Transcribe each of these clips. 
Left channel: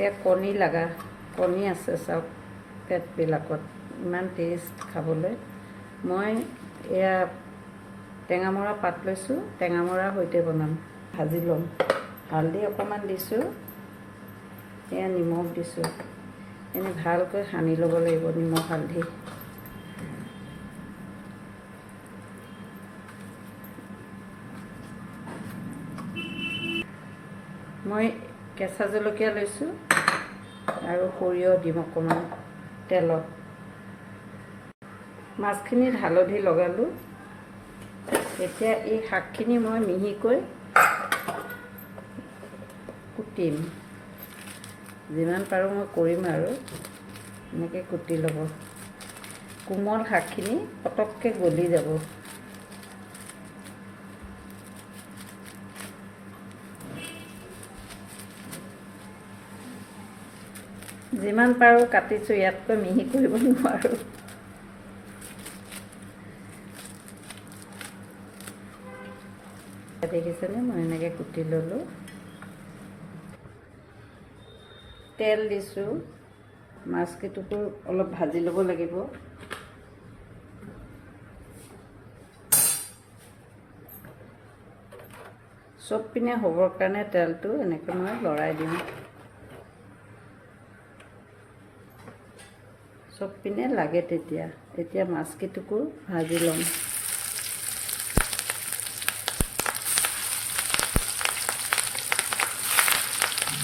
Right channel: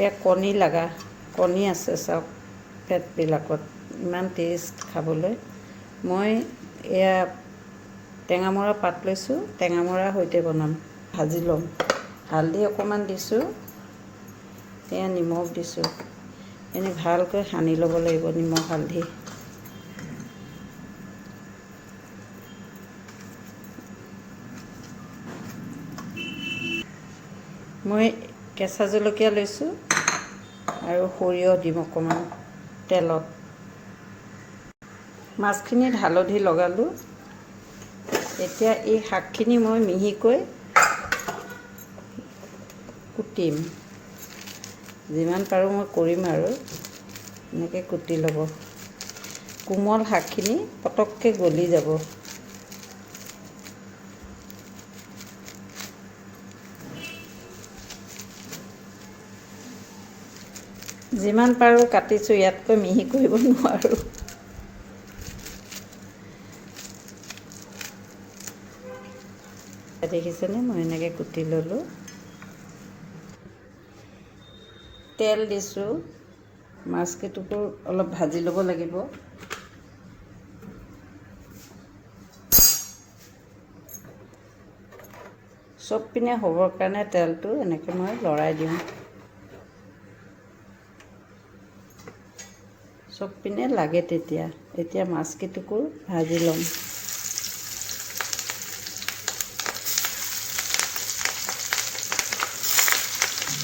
এয়া কণী লগা কণী আছে চাওক পেটবিলাকত ইমান টেষ্ট খাবলৈ। মই এয়া টেঙামৰা পাত লৈছোঁ, টেঙামৰাৰ সৈতে বনাম। ভাজি ল'ম। হালধি অকণমান দিছোঁ, এয়া নিমখ দিছোঁ। এনে ভালকৈ সানি ল'ব লাগিব নিমখ হালধি। মই কেঁচা জলকীয়া লৈছোঁ আৰু সৰিয়হ দিম অকণমান তেলত। মাছখিনিত হালধি লগালোঁ। এতিয়া এই শাকখিনি মই মিহিকৈ কুটিম। যিমান পাৰোঁ মই কৰিম আৰু এনেকৈ কুটি ল'ব। কোমল শাকখিনি পটককৈ গলি যাব। যিমান পাৰোঁ কাটিছোঁ, ইয়াতকৈ মিহি কৰিব নোৱাৰোঁ। দেখিছেনে মই এনেকৈ কুটি ল'লোঁ। তেল দিছোঁ, মাছকেইটুকুৰ অলপ ভাজি ল'ব লাগিব। চব পিনে হ'বৰ কাৰণে তেলটো এনেকৈ মই লৰাই দিওঁ। চব পিনে লাগে তেতিয়া। এতিয়া মাছকেইটুকুৰ ভাজি ল'ম।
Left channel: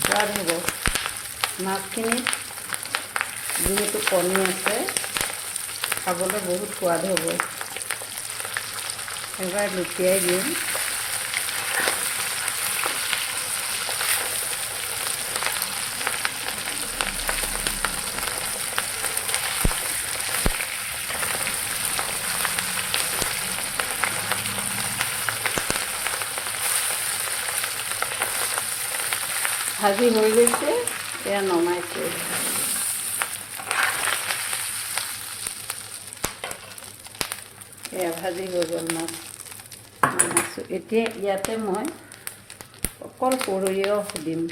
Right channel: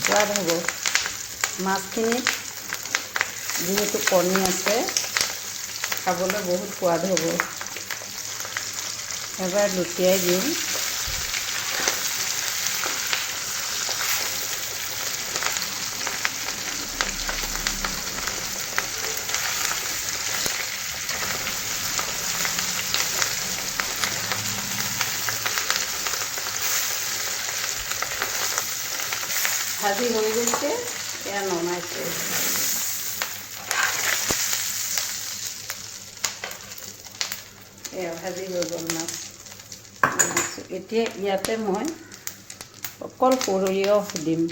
সোৱাদ হ'ব। মাছখিনিত যিহেতু কণী আছে, খাবলৈ বহুত সোৱাদ হ'ব। এবাৰ লুটিয়াই দিওঁ। ভাজি হৈ গৈছে, এয়া নমাইছোঁ। এয়া ভাজি হৈ গ'ল মাছ। এতিয়া ইয়াতে মই অকল সৰিয়হ দিম।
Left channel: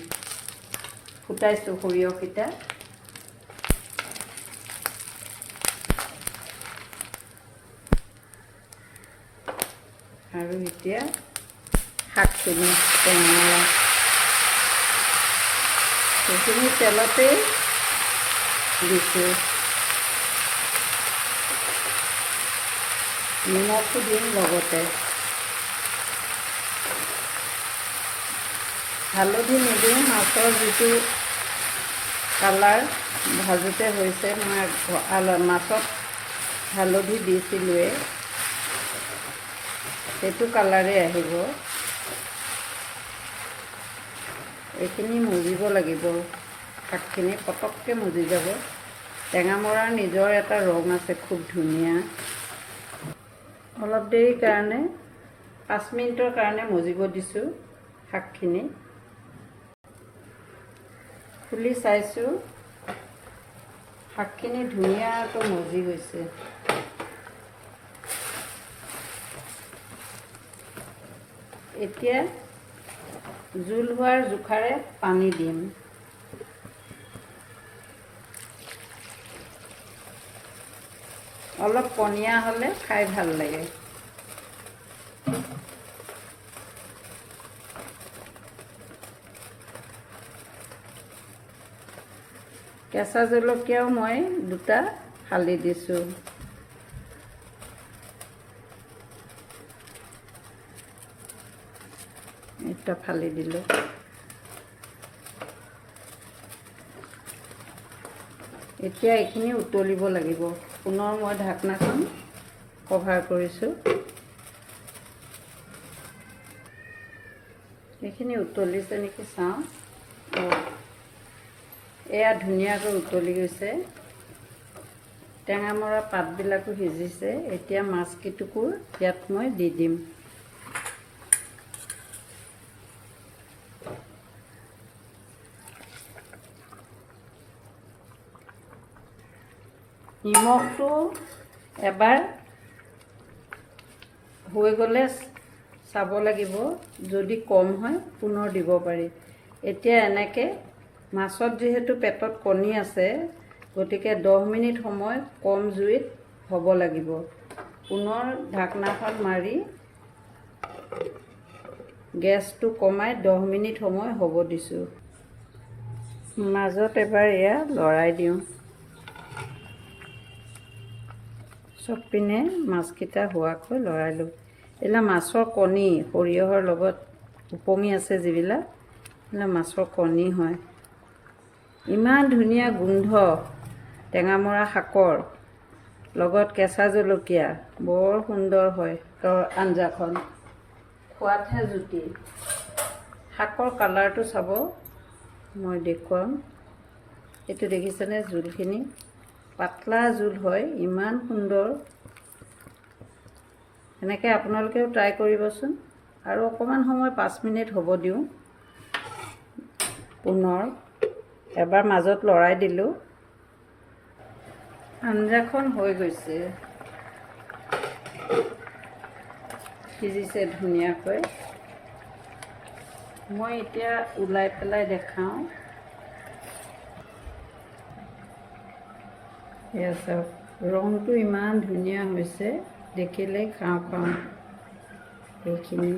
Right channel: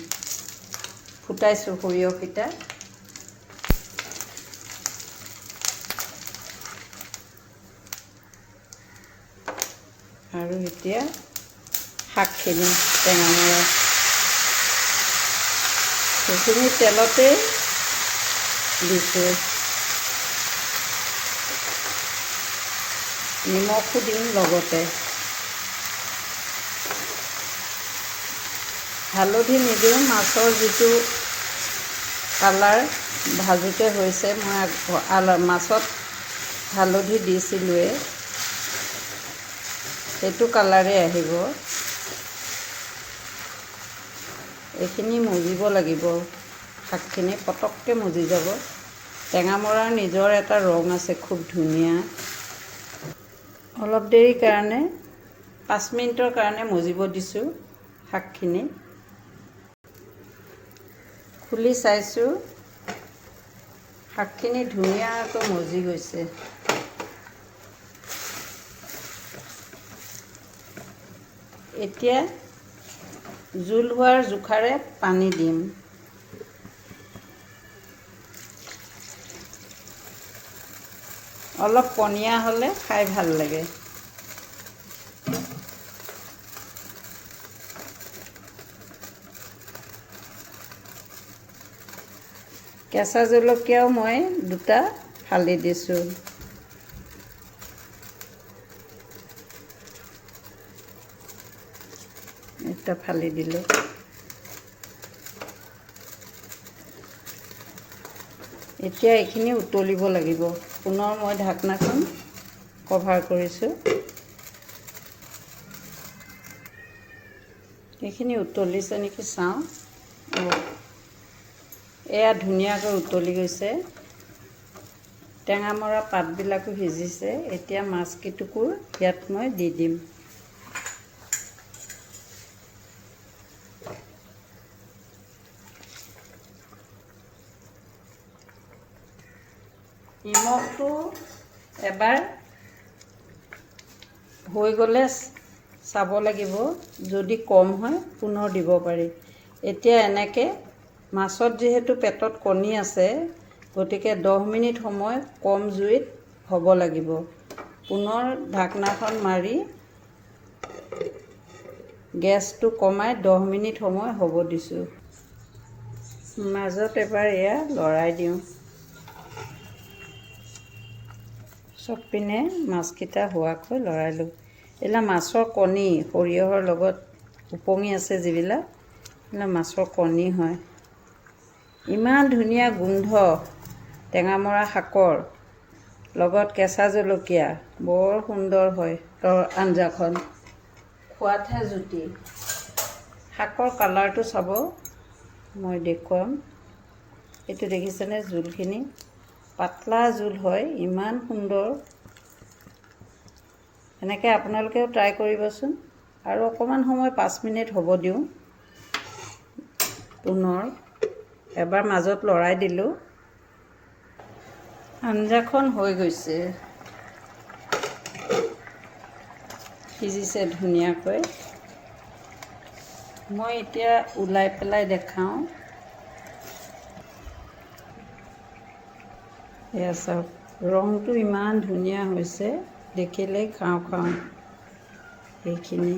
ফুটাইছোঁ সৰিয়হকেইটা। আৰু এতিয়া শাকখিনি টেঙামৰা সেইখিনি তেলতেই দিছোঁ। নিমখো দিম লগতে। হালধি নিদিওঁ, মাছৰ যিটো কালাৰ ভাজোতে হৈছে, মই মাছত হালধি দিছিলোঁৱেই, সেইটো কালাৰে আহিব। এইখিনি মজিব লাগিব, শাকখিনি পটককৈ মজি যাব। টেঙামৰাৰ নিজৰ এটা ৰং আছে, খুব ধুনীয়া। অলপ দেৰিৰ কাৰণে 5 মিনিটৰ কাৰণে মজিব দিছোঁ শাকখিনি। খুলি চাইছোঁ, শাকখিনি ধুনীয়াকৈ মজি গৈছে। এতিয়া জোল হোৱাৰ জোখাৰে পানী দিম। অলপ পনীয়া হ'লে খাই ভাল লাগে। কেঁচা জলকীয়াও মই 2টা ফালি দিছোঁ। এটা ফালি দিলোঁ। এতিয়া এইখিনি উতলিব লাগিব। পুনৰ মই ঢাকনাখন কভাৰ কৰিছোঁ। এইখিনি উতলিছে নেকি চাওঁ। এয়া ধুনীয়াকৈ উতলি গৈছে। টেঙামৰা পাতবিলাকো সিজিছে। এতিয়া মাছকেইটুকুৰ ইয়াত মই দি দিম। নিমখটো এবাৰ হৈ গ'লে চাব লাগিব, যদি কম হয় পুনৰ দিব পাৰি। এতিয়া এনেকৈ মাছত যিহেতু পেটত কণী আছে, গতিকে 10 মিনিট সময় কম জুইত হ'ব লাগিব। পুনৰ ঢাকনাখন মাৰি গেছটো কমাই 10 মিনিট সময় হ'ব দিছোঁ। মাজত এবাৰ এয়া লৰাই দিওঁ। চব পিনে মাছকেইটা হোৱাকৈ লৰালোঁ। এইবিলাক মাছৰ কণী, সৰিয়হৰ লগত উপঙি আছে যিবিলাক, এইবিলাক মাছৰ কণী হয়। ইমান ধুনীয়া গোন্ধ টেঙামৰা শাকৰ লগত কেঁচা জলকীয়া, বৰ সুন্দৰ হয় আঞ্জাখন, খোৱাতহে জুতি। শাকৰ কালাৰটো চাব, মই দেখুৱাম। এইটো দেখিছেনে জোলখিনি? পাতলা জোল হয়, ইমান সুন্দৰ। এনেকৈ আপোনালোকেও ট্ৰাই কৰিবচোন। আৰু অকণমান সময় 5 মিনিট হ'ব দিওঁ। পুনৰ এবাৰ মাজত লৰাই দিলোঁ। আঞ্জাখন হৈ গৈছে, সিজিছে ধুনীয়াকৈ। মই এতিয়া ওলাই পেলাই দেখাওঁ। এয়া চাওক, ৰংটো ইমান ধুনীয়া হৈছে, দেখিলেই খাওঁ খাওঁ সেইখিনি।